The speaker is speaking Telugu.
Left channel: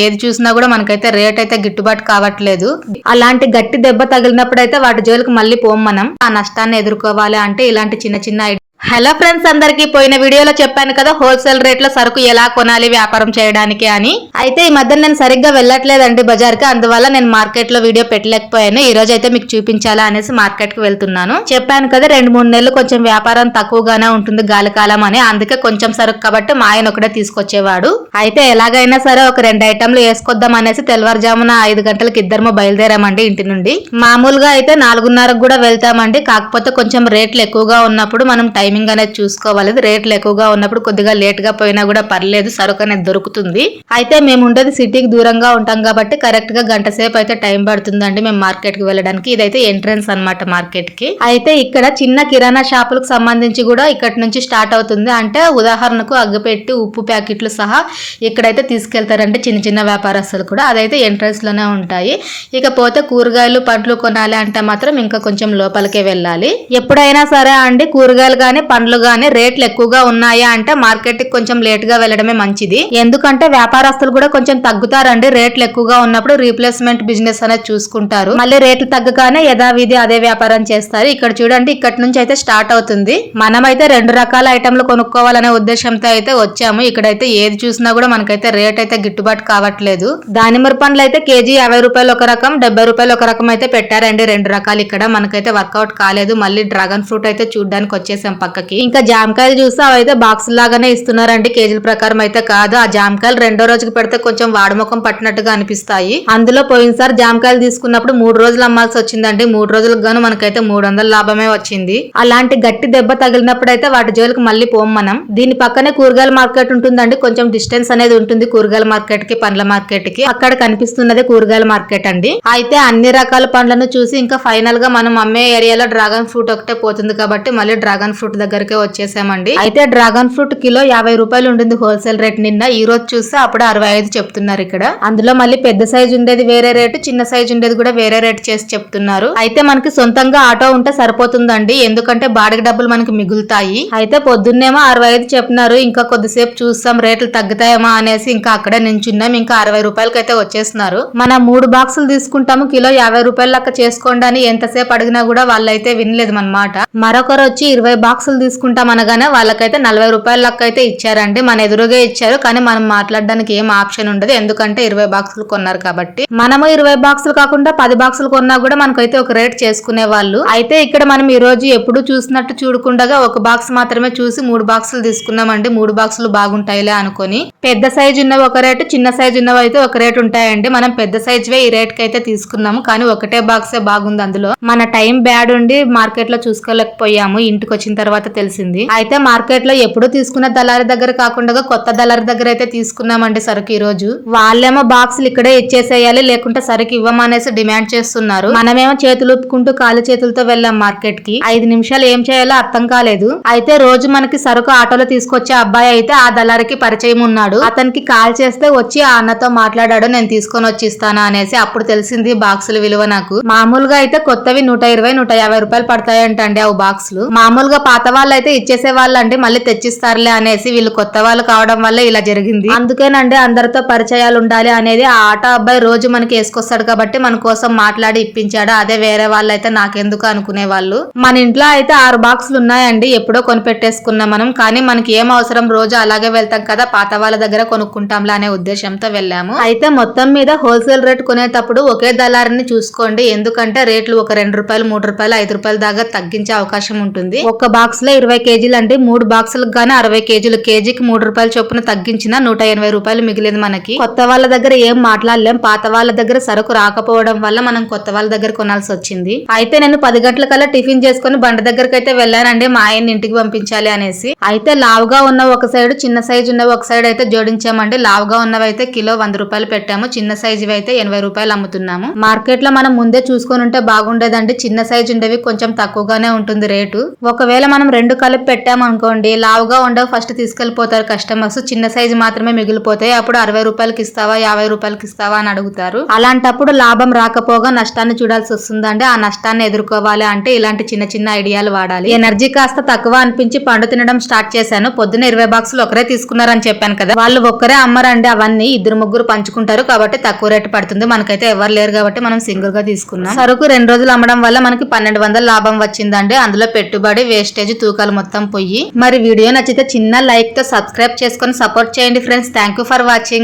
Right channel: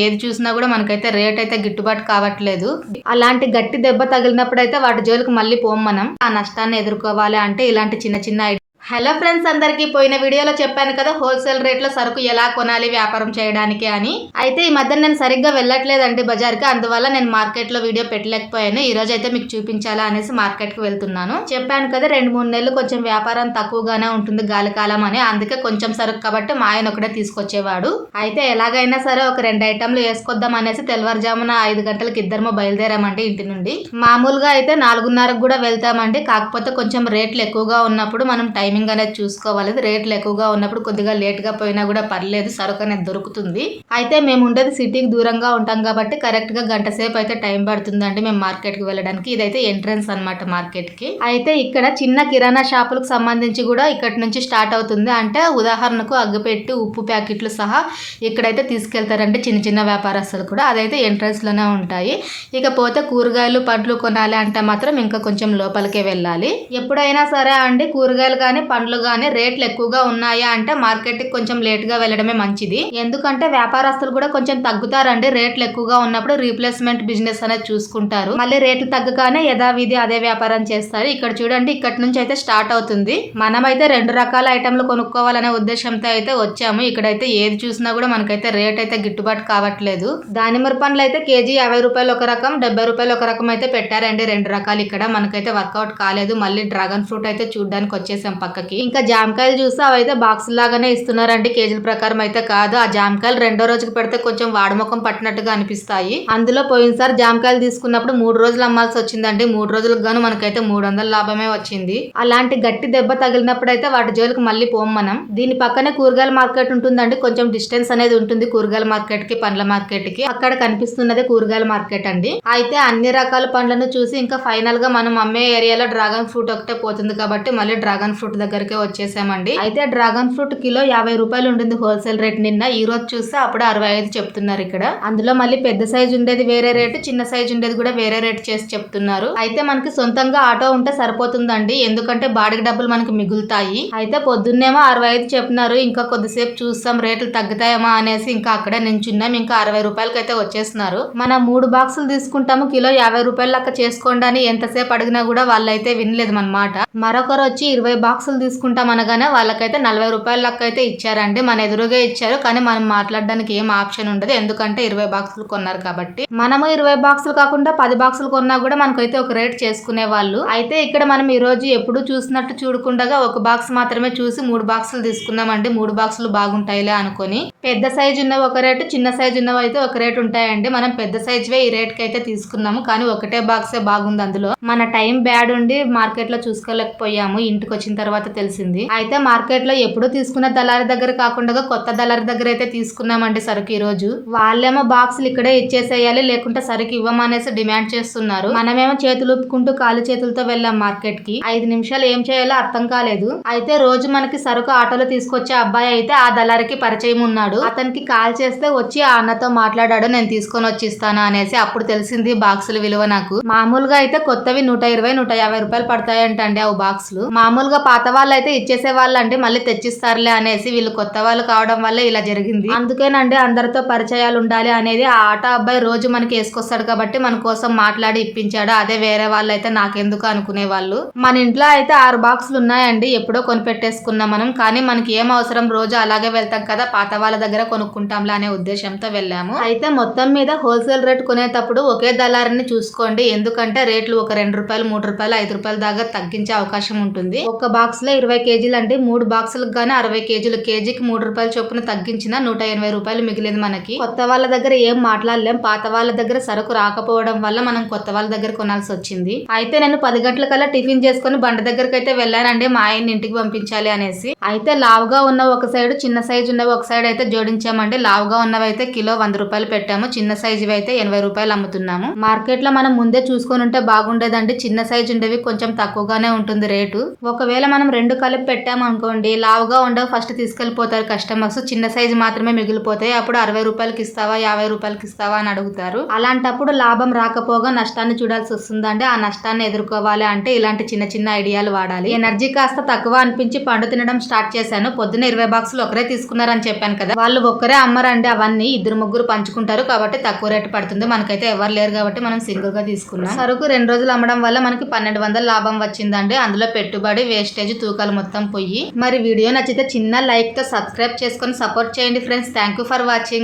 ఏది చూసినా కూడా మనకైతే రేట్ అయితే గిట్టుబాటు కావట్లేదు. అలాంటి గట్టి దెబ్బ తగిలినప్పుడు అయితే వాటి జోలికి మళ్ళీ పోం మనం. ఆ నష్టాన్ని ఎదుర్కోవాలి అంటే ఇలాంటి చిన్న చిన్న హలో ఫ్రెండ్స్ అందరికీ పోయిన వీడియోలో చెప్పాను కదా హోల్సేల్ రేట్లో సరుకు ఎలా కొనాలి వ్యాపారం చేయడానికి అని. అయితే ఈ మధ్య నేను సరిగ్గా వెళ్ళట్లేదండి బజార్కి అందువల్ల నేను మార్కెట్లో వీడియో పెట్టలేకపోయాను. ఈ రోజు అయితే మీకు చూపించాలా అనేసి మార్కెట్కి వెళ్తున్నాను. చెప్పాను కదా రెండు మూడు నెలలు కొంచెం వ్యాపారం తక్కువగానే ఉంటుంది గాలికాలం అని. అందుకే కొంచెం సరుకు కాబట్టి మా ఆయన ఒకటే తీసుకొచ్చేవాడు. అయితే ఎలాగైనా సరే ఒక రెండు ఐటమ్లు వేసుకొద్దాం అనేసి తెల్లవారుజామున ఐదు గంటలకు ఇద్దరము బయలుదేరామండి ఇంటి నుండి. మామూలుగా అయితే నాలుగున్నరకు కూడా వెళ్తామండి. కాకపోతే కొంచెం రేట్లు ఎక్కువగా ఉన్నప్పుడు మనం టైమింగ్ అనేది చూసుకోవాలి. రేట్లు ఎక్కువగా ఉన్నప్పుడు కొద్దిగా లేట్గా పోయినా కూడా పర్లేదు సరుకు అనేది దొరుకుతుంది. అయితే మేము ఉండేది సిటీకి దూరంగా ఉంటాం కాబట్టి కరెక్ట్గా గంట సేపు అయితే టైం పడుతుందండి మేము మార్కెట్కి వెళ్ళడానికి. ఇదైతే ఎంట్రన్స్ అన్నమాట మార్కెట్కి అయితే ఇక్కడ చిన్న కిరాణా షాపులకు సంబంధించి కూడా ఇక్కడ నుంచి స్టార్ట్ అవుతుంది. అంటే ఉదాహరణకు అగ్గిపెట్టి ఉప్పు ప్యాకెట్లు సహా ఇక్కడైతే తీసుకెళ్తారంటే చిన్న చిన్న వ్యాపారస్తులు కూడా. అదైతే ఎంట్రన్స్లోనే ఉంటాయి. ఇకపోతే కూరగాయలు పండ్లు కొనాలి అంటే మాత్రం ఇంకా కొంచెం లోపలికే వెళ్ళాలి. ఎప్పుడైనా సరే అండి కూరగాయలు కానీ పండ్లు కానీ రేట్లు ఎక్కువగా ఉన్నాయా అంటే మార్కెట్కి కొంచెం లేట్గా వెళ్ళడమే మంచిది. ఎందుకంటే వ్యాపారస్తులు కూడా కొంచెం తగ్గుతారండి. రేట్లు ఎక్కువగా ఉన్నప్పుడు రీప్లేస్మెంట్ బిజినెస్ అనేది చూసుకుంటారు. మళ్ళీ రేట్లు తగ్గగానే యథావిధి అదే వ్యాపారం చేస్తారు. ఇక్కడ చూడండి ఇక్కడ నుంచి అయితే స్టార్ట్ అవుతుంది. మనమైతే రెండు రకాల ఐటమ్లు కొనుక్కోవాలనే ఉద్దేశంతో అయితే వచ్చాము. ఇక్కడైతే ఏది చూసినా కూడా మనకైతే రేట్ అయితే గిట్టుబాటు కావట్లేదు. దానిమ్మ పండ్లు అయితే కేజీ యాభై రూపాయలు ఒక రకం డెబ్బై రూపాయలు ఒక రకం అయితే పెట్టారండి. రెండు రకాలు ఇక్కడ మనకైతే వర్కౌట్ కాలేదు. మళ్ళీ డ్రాగన్ ఫ్రూట్ అయితే చూడడానికి వచ్చేసాం పక్కకి. ఇంకా జామకాయలు చూస్తే అవైతే బాక్స్ లాగానే ఇస్తున్నారండి. కేజీల ప్రకారం అయితే కాదు. ఆ జామకాయలు రెండో రోజుకి పెడితే కొంచెం వాడముఖం పట్టినట్టుగా అనిపిస్తాయి. అందులో పోయినసారి జామకాయలు తీసుకున్నప్పుడు మూడు రోజులు అమ్మాల్సి వచ్చిందండి. మూడు రోజులకు గాను మనకైతే మూడు వందల లాభమే వచ్చింది. అలాంటి గట్టి దెబ్బ తగిలినప్పుడు అయితే వాటి జోలికి మళ్ళీ పోం మనం. దీని పక్కనే కూరగాయల మార్కెట్ ఉంటుందండి. కొంచెం డిస్టెన్స్ అనేది ఉంటుంది కూరగాయల మార్కెట్కి పండ్ల మార్కెట్కి. అక్కడ కనిపిస్తున్నదే కూరగాయల మార్కెట్ అండి. అయితే అన్ని రకాల పండ్లను చూసి ఇంకా ఫైనల్గా మనం అమ్మే ఏరియాలో డ్రాగన్ ఫ్రూట్ ఒకటే పోతుంది కాబట్టి మళ్ళీ డ్రాగన్ ఫ్రూట్ దగ్గరకే వచ్చేసామండి. అయితే డ్రాగన్ ఫ్రూట్ కిలో యాభై రూపాయలు ఉంటుంది హోల్సేల్ రేట్ నిన్న. ఈ రోజు చూస్తే అప్పుడు అరవై ఐదు చెప్తున్నారు ఇక్కడ. అందులో మళ్ళీ పెద్ద సైజు ఉండేది వేరే రేటు చిన్న సైజు ఉండేది కూడా వేరే రేట్ చేసి చెప్తున్నారు. అయితే మనకి సొంతంగా ఆటో ఉంటే సరిపోతుందండి. ఎందుకంటే బాడిగ డబ్బులు మనకి మిగులుతాయి. అయితే పొద్దున్నేమో అరవై ఐదు చెప్పినారు. ఇంకా కొద్దిసేపు చూస్తాం. రేట్లు తగ్గుతాయేమో అనేసి ఇంకా అక్కడే నించున్నాం. ఇంకా అరవై రూపాయలకి అయితే వచ్చేస్తున్నారు. మన మూడు బాక్సులు తీసుకుంటాము. కిలో యాభై రూపాయల లెక్క చేసుకోండి అని ఎంతసేపు అడిగినా కూడా వాళ్ళైతే వినలేదు మన మాట. మరొకరు వచ్చి ఇరవై బాక్సులు తీసుకుంటాం అనగానే వాళ్ళకైతే నలభై రూపాయల లెక్క అయితే ఇచ్చారండి. మన ఎదురుగా ఇచ్చారు. కానీ మనం మాట్లాడడానికి ఏం ఆప్షన్ ఉండదు. ఎందుకంటే ఇరవై బాక్సులు కొన్నారు కాబట్టి. మనము ఇరవై బాక్సులు కాకుండా పది బాక్సులు కొన్నా కూడా మనకైతే ఒక రేట్ చేసుకునే వాళ్ళు. అయితే ఇక్కడ మనం ఈ రోజు ఎప్పుడు చూసినట్టు చూడకుండా ఒక బాక్స్ మాత్రమే చూసి మూడు బాక్సులు తీసుకున్నామండి మూడు బాక్సులు బాగుంటాయిలే అనుకొని. పెద్ద సైజు ఉన్నవి ఒక రేటు చిన్న సైజు ఉన్నవి అయితే ఒక రేట్ ఉంటాయండి. మనం పెద్ద సైజువే ఈ రేట్ కైతే అయితే తీసుకున్నాము. కానీ ఒకటే బాక్సే బాగుంది అందులో. మన టైం బ్యాడ్ ఉండి మార్కెట్లో చూసుకోలేకపోయాము. ఇంటికి వచ్చిన తర్వాత తెలిసింది. అయితే మార్కెట్లో ఎప్పుడు తీసుకున్న దళారి దగ్గర కాకుండా కొత్త దళారి దగ్గర అయితే తీసుకున్నామండి సరుకు ఈ రోజు వాళ్ళేమో బాక్సులు ఇక్కడే ఇచ్చేసేయాలి లేకుంటే సరుకు ఇవ్వమనేసి డిమాండ్ చేస్తున్నారు. మనమేమో చేతులు ఊపుకుంటూ కాలి చేతులతో వెళ్ళాం మార్కెట్కి ఐదు నిమిషాలు ఏం చేయాలో అర్థం కాలేదు. అయితే రోజు మనకి సరుకు ఆటోలో తీసుకొచ్చే అబ్బాయి అయితే ఆ దళారికి పరిచయం ఉన్నాడు. అతనికి కాల్ చేస్తే వచ్చి ఆ అన్నతో మాట్లాడాడు నేను తీసుకొని వచ్చిస్తానా అనేసి. అప్పుడు తెలిసింది బాక్సుల విలువ నాకు. మామూలుగా అయితే కొత్తవి నూట ఇరవై నూట యాభై రూపాయలు పడతాయంటండి ఆ బాక్సులు. మామూలుగా పాత వాళ్ళు అయితే ఇచ్చేసే వాళ్ళండి మళ్ళీ తెచ్చిస్తారులే అనేసి వీళ్ళు కొత్త వాళ్ళు కావడం వల్ల ఇలా జరిగింది. అందుకేనండి అందరితో పరిచయాలు ఉండాలి అనేది ఆ ఆటో అబ్బాయి రోజు మనకి వేసుకొస్తాడు కాబట్టి మన కోసం మాట్లాడి ఇప్పించాడు. అదే వేరే వాళ్ళు అయితే నాకెందుకు అనుకునే వాళ్ళు. మన ఇంట్లో అయితే ఆరు బాక్సులు ఉన్నాయండి ఎప్పుడో కొనిపెట్టేసుకున్నాం మనం. కానీ మనకి ఏం అవసరం రోజు అలాగే వెళ్తాం కదా పాత వాళ్ళ దగ్గర కొనుక్కుంటాంలా అనే ఉద్దేశంతో వెళ్ళాము. అయితే మొత్తం మీద హోల్సేల్ రేట్ కొనేటప్పుడు ఒకే దళారిని చూసుకోండి. ఎందుకంటే రేట్లు ఒక రెండు రూపాయలు మూడు రూపాయలు ఐదు రూపాయల దాకా తగ్గించే అవకాశం ఉంటుంది. ఒక బాక్స్ లో ఇరవై కేజీలు అంటే మూడు బాక్సులకు గానీ అరవై కేజీలు. కేజీకి మూడు రూపాయల చొప్పున తగ్గించిన నూట ఎనభై రూపాయలు మిగిలింది మనకి. కొత్త వాళ్ళ దగ్గర ఏం మాట్లాడలేం. పాత వాళ్ళ దగ్గర సరుకు రాకపోవడం వల్ల మనం కొత్త వాళ్ళ దగ్గర కొనాల్సి వచ్చింది. అయితే నేను పది గంటల కల్లా టిఫిన్ చేసుకుని బండ దగ్గరికి అయితే వెళ్ళానండి. మా ఆయన్ని ఇంటికి పంపించాలి అనేసి. అయితే లావుగా ఉన్న ఒక సైడ్ చిన్న సైజు ఉన్నవి ఒక సైడ్ అయితే జోడించామండి. లావుగా ఉన్నవి అయితే కిలో వంద రూపాయలు పెట్టాము. చిన్న సైజు అయితే ఎనభై రూపాయలు అమ్ముతున్నాము. మార్కెట్లో మనం ముందే చూసుకొని ఉంటే బాగుండేదండి. చిన్న సైజు ఉండేవి కొంచెం తక్కువగానే ఉంటుంది రేటు. ఒకవేళ మనం మనం రెండు కలిపి పెట్టామనుకోండి లావుగా ఉండవు. ఫస్ట్ తీసుకెళ్ళిపోతారు కస్టమర్స్ చిన్న సైజు మాత్రమే మిగిలిపోతాయి. అప్పుడు అరవై రూపాయలకి ఇస్తావా యాభై రూపాయలకి ఇస్తావా అని అడుగుతారు. అలాంటప్పుడు లాభం రాకపోగా నష్టాన్ని చూడాల్సి వస్తుందండి. ఆ నష్టాన్ని ఎదుర్కోవాలి అంటే ఇలాంటి చిన్న చిన్న ఐడియాలు వాడాలి. ఎనర్జీ కాస్త తక్కువ అనిపించి పండు తినడం స్టార్ట్ చేశాను. పొద్దున ఇరవై బాక్సులు ఒకరే తీసుకున్నారని చెప్పాను కదా. వాళ్ళు ఒక్కరే అమ్మరండి అవన్నీ. ఇద్దరు ముగ్గురు పంచుకుంటారు కాబట్టి తక్కువ రేటు పడుతుంది. మనకైతే ఎవరు లేరు కాబట్టి మనం సింగిల్గా తీసుకున్నాం. సరుకు రెండు రోజులు అమ్మడం వల్ల మనకి పన్నెండు వందల లాభం వచ్చిందండి. అందులో పెట్టుబడి వేస్టేజ్ తూకాలు మొత్తం పోయి. మరి వీడియో నచ్చితే చిన్న లైక్తో సబ్స్క్రైబ్ చేసుకొని సపోర్ట్ చేయండి ఫ్రెండ్స్. Thank for watching.